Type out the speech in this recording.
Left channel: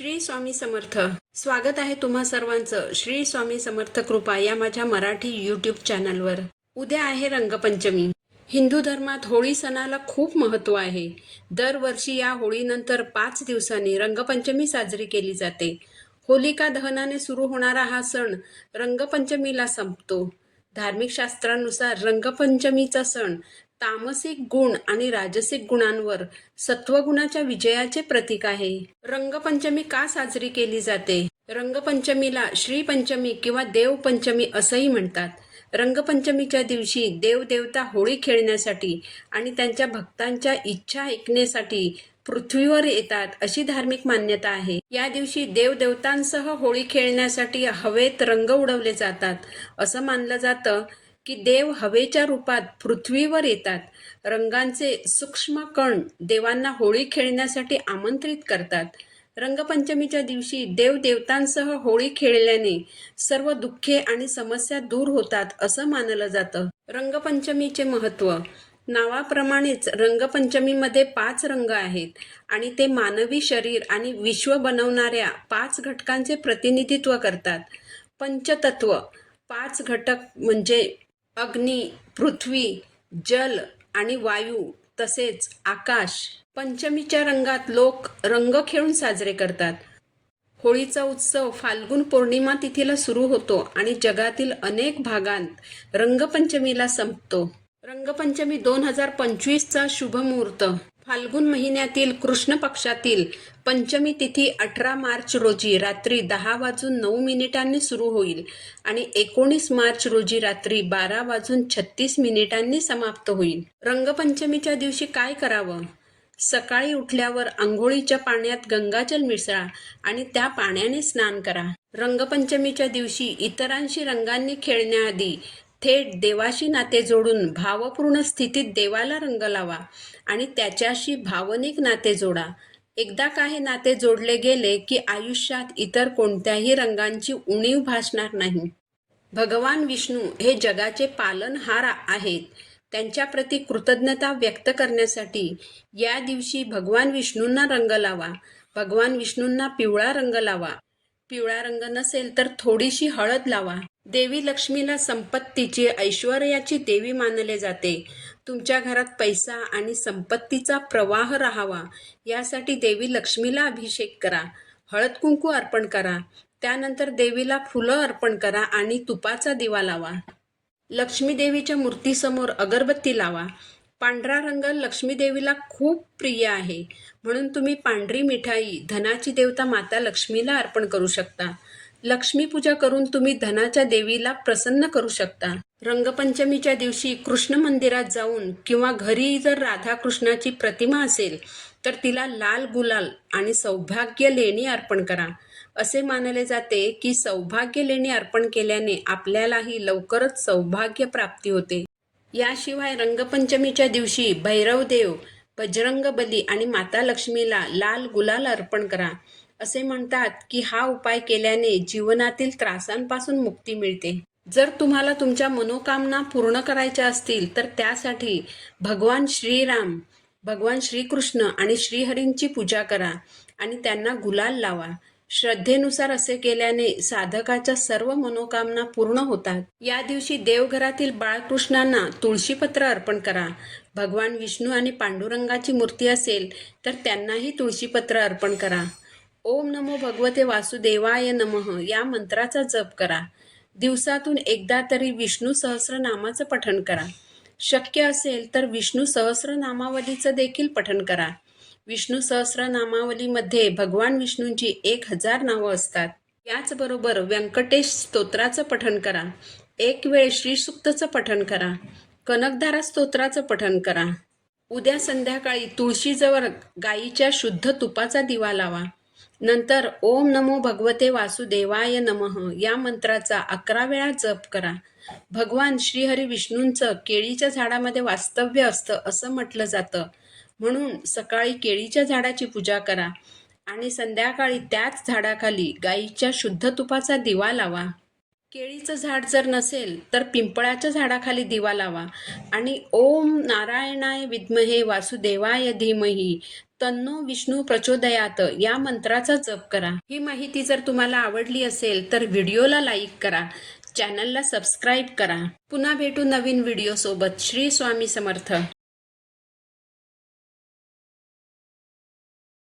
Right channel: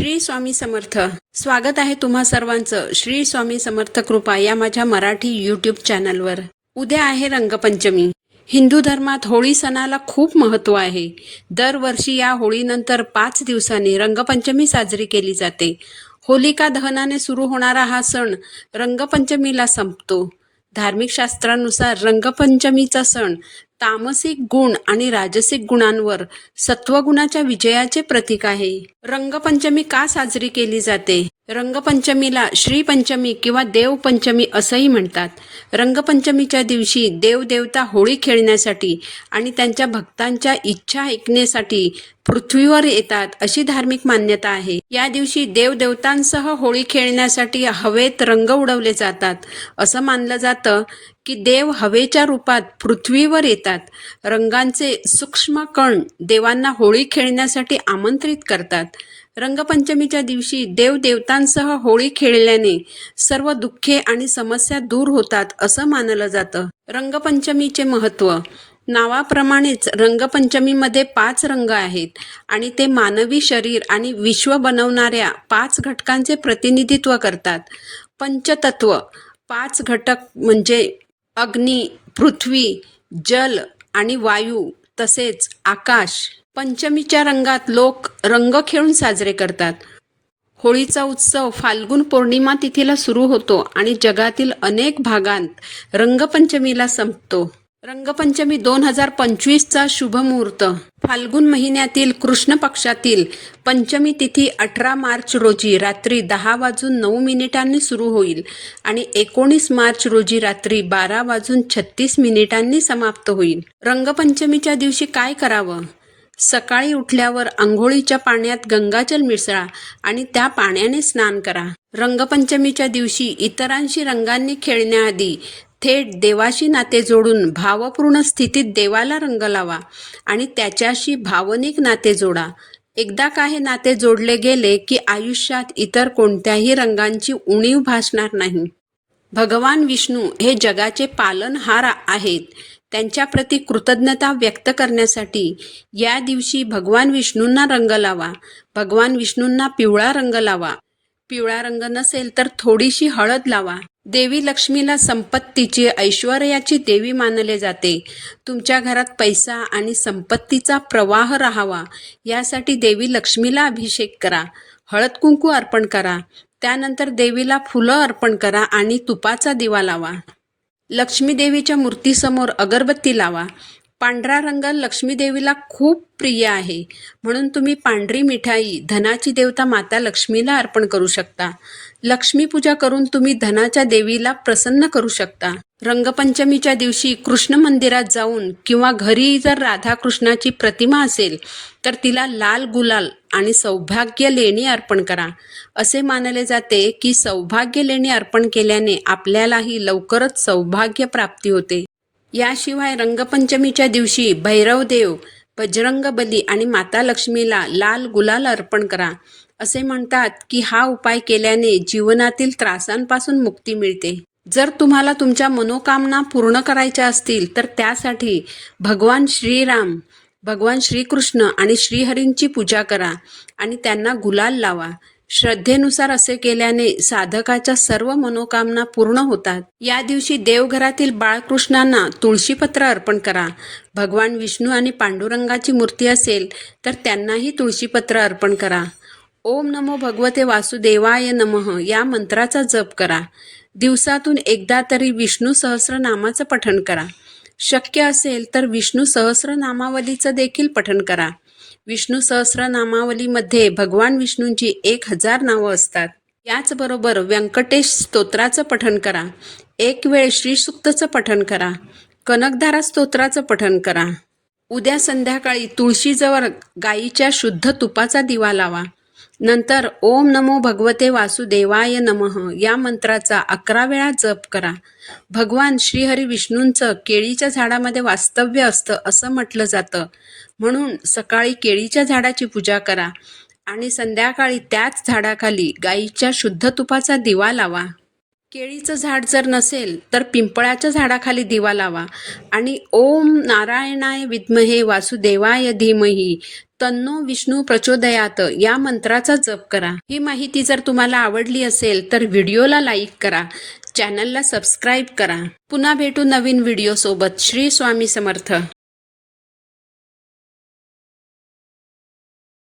श्री स्वामी समर्थ. स्वागत आहे तुम्हा सर्वांचं. श्री स्वामी समर्थ कृपा या माझ्या मराठी यूट्यूब चॅनलवर उद्या आहे रंगपंचमी. हिंदू धर्मात होळी सणाला खूप महत्त्व आहे. दरवर्षी या होळीनंतर पाच दिवसांनी रंगपंचमी साजरी केली जाते. होलिका दहनाने सुरू होणारा हा सण रंगपंचमीला संपतो. धार्मिक शास्त्रानुसार रंगपंचमीचा सण तामसिक गुण आणि राजसिक गुणांवर सत्वगुणाच्या विजयाचे प्रतीक आहे. रंगपंचमी का साजरी केली जाते? रंगपंचमीला श्रीपंचमी किंवा देवपंचमी असंही म्हणतात. रंगपंचमीच्या दिवशी देवदेवता होळी खेळण्यासाठी आणि त्यांच्या भक्तांच्या इच्छा ऐकण्यासाठी पृथ्वीवर येतात अशी धार्मिक मान्यता आहे. या दिवशी देवदेवतांसह होळी खेळण्यासाठी हवेत रंग उडवले जातात. असं मानलं जातं की देव हवेच्या रूपात पृथ्वीवर येतात. रंगांचे सूक्ष्म कण देवांना होळी खेळण्यासाठी आमंत्रित करतात. रंगपंचमीच्या दिवशी देवदेवतांसह होळी खेळल्याने सर्व दुःखे आणि समस्या दूर होतात असं मानलं जातं. रंगपंचमीचे महत्त्व. नावाप्रमाणेच रंगपंचमीमध्ये पाच रंग आहेत आणि ते मानवी शरीर आणि विश्व बनवणाऱ्या पाच घटकांचे प्रतिनिधित्व करतात. पंचतत्व. पाच घटक म्हणजे अग्नी पृथ्वी जल आणि वायू तसेच आकाश. पंचमीच्या रंगात लोक रंग खेळून साजरे करतात. होळीचा उत्सव फाल्गुन पौर्णिमा तिथीला सुरू होतो आणि जगातील अनेक भागांत रंगपंचमीला संपतो. रंगपंचमी दोन हजार पंचवीसचा शुभमुहूर्त फाल्गुन महिन्यातील कृष्ण पक्षातील पंचमी तिथी अठरा मार्च रोजी रात्री दहा वाजून नऊ मिनिटांनी सुरू होईल आणि एकोणीस मार्च रोजी रात्री बारा वाजून छत्तीस मिनिटांनी समाप्त होईल. रंगपंचमीच्या दिवशी काय करावं? सकाळी उठल्यावर आंघोळीच्या पाण्यात गंगाजल मिसळा आणि त्या पाण्याने स्नान करा. रंगपंचमीच्या दिवशी इतरांशी रंगांनी खेळण्याआधी थेट देवाशी नाते जोडून भावपूर्ण स्थितीत देवाला रंग लावा आणि त्याच्याशी भावनिक नाते जोडा. एकदा का हे नाते जोडले गेले की आयुष्यात इतर कोणत्याही रंगांची उणीव भासणार नाही. भगवान विष्णू हे जगाचे पालनहार आहेत. त्यांच्याप्रती कृतज्ञता व्यक्त करण्यासाठी या दिवशी भगवान विष्णूंना रंग लावा. भगवान विष्णूंना पिवळा रंग लावा. पिवळा रंग नसेल तर थोडीशी हळद लावा. देवी लक्ष्मीला संपत्तीची ऐश्वर्याची देवी मानले जाते. तुमच्या घरात पैसा आणि संपत्तीचा प्रवाह राहावा. यासाठी देवी लक्ष्मीला अभिषेक करा. हळद कुंकू अर्पण करा. त्यानंतर देवीला फुलं अर्पण करा आणि तुपाचा दिवा लावा. लक्ष्मी देवीच्या मूर्तीसमोर अगरबत्ती लावा. पांढरा रंग लक्ष्मीदेवीला खूप प्रिय आहे. म्हणून तुम्ही पांढरी मिठाई धनाची देवता माता लक्ष्मीला अर्पण करू शकता. लक्ष्मीपूजा करून तुम्ही धनाच्या देवीला प्रसन्न करू शकता. रंगपंचमीच्या दिवशी कृष्ण मंदिरात जाऊन किंवा घरी जर राधाकृष्णाची प्रतिमा असेल तर तिला लाल गुलाल आणि सौभाग्य लेणी अर्पण करा. असे मानले जाते की सौभाग्य लेणी अर्पण केल्याने आपल्यालाही लवकरच सौभाग्य प्राप्ती होते. याशिवाय रंगपंचमीच्या दिवशी भैरवदेव बजरंग बली आणि माता लक्ष्मीला लाल गुलाल अर्पण करा. असे म्हणतात की हा उपाय केल्याने जीवनातील त्रासांपासून मुक्ती मिळते. जर तुम्हाला तुमच्या मनोकामना पूर्ण करायच्या असतील तर त्यासाठी भगवान श्रीराम भगवान श्रीकृष्ण आणि श्रीहरींची पूजा करा आणि त्यांना गुलाल लावा. श्रद्धेनुसार असे केल्याने साधकाच्या सर्व मनोकामना पूर्ण होतात. या दिवशी देवघरातील बाळकृष्णांना तुळशीपत्र अर्पण करा. भगवान विष्णू आणि पांडुरंगाची मूर्ती असेल तर त्यांनाही तुळशीपत्र अर्पण करा. ओम नमो भगवते वासुदेवाय नमः. या मंत्राचा जप करा. दिवसातून एकदा तरी विष्णू सहस्रनामाचं पठण करा. शक्य असेल तर विष्णू सहस्रनामावलीचं देखील पठण करा. विष्णू सहस्रनामावलीमध्ये भगवान विष्णूंची एक हजार नावं असतात. याचबरोबर व्यंकटेश स्तोत्राचं पठण करा. एक वेळ श्रीसुक्तचं पठण करा. कनकधारा स्तोत्राचं पठण करा. उद्या संध्याकाळी तुळशीजवळ गाईच्या शुद्ध तुपाचा दिवा लावा. नंतर ओम नमो भगवते वासुदेवाय नमः. या मंत्राचा अकरा वेळा जप करा. भगवान श्रीहरी विष्णूंचं केळीच्या झाडामध्ये वास्तव्य असतं असं म्हटलं जातं. म्हणून सकाळी केळीच्या झाडाची पूजा करा. आणि संध्याकाळी त्याच झाडाखाली गाईच्या शुद्ध तुपाचा दिवा लावा. केळीचं झाड जर नसेल तर पिंपळाच्या झाडाखाली दिवा लावा. आणि ओम नारायणाय विद्महे वासुदेवाय धीमही. तन्नो विष्णू प्रचोदयात या मंत्राचा जप करा. ही माहिती जर तुम्हाला आवडली असेल तर व्हिडिओला लाईक करा. चॅनलला सबस्क्राईब करा. पुन्हा भेटू नवीन व्हिडिओ सोबत श्री स्वामी समर्थ.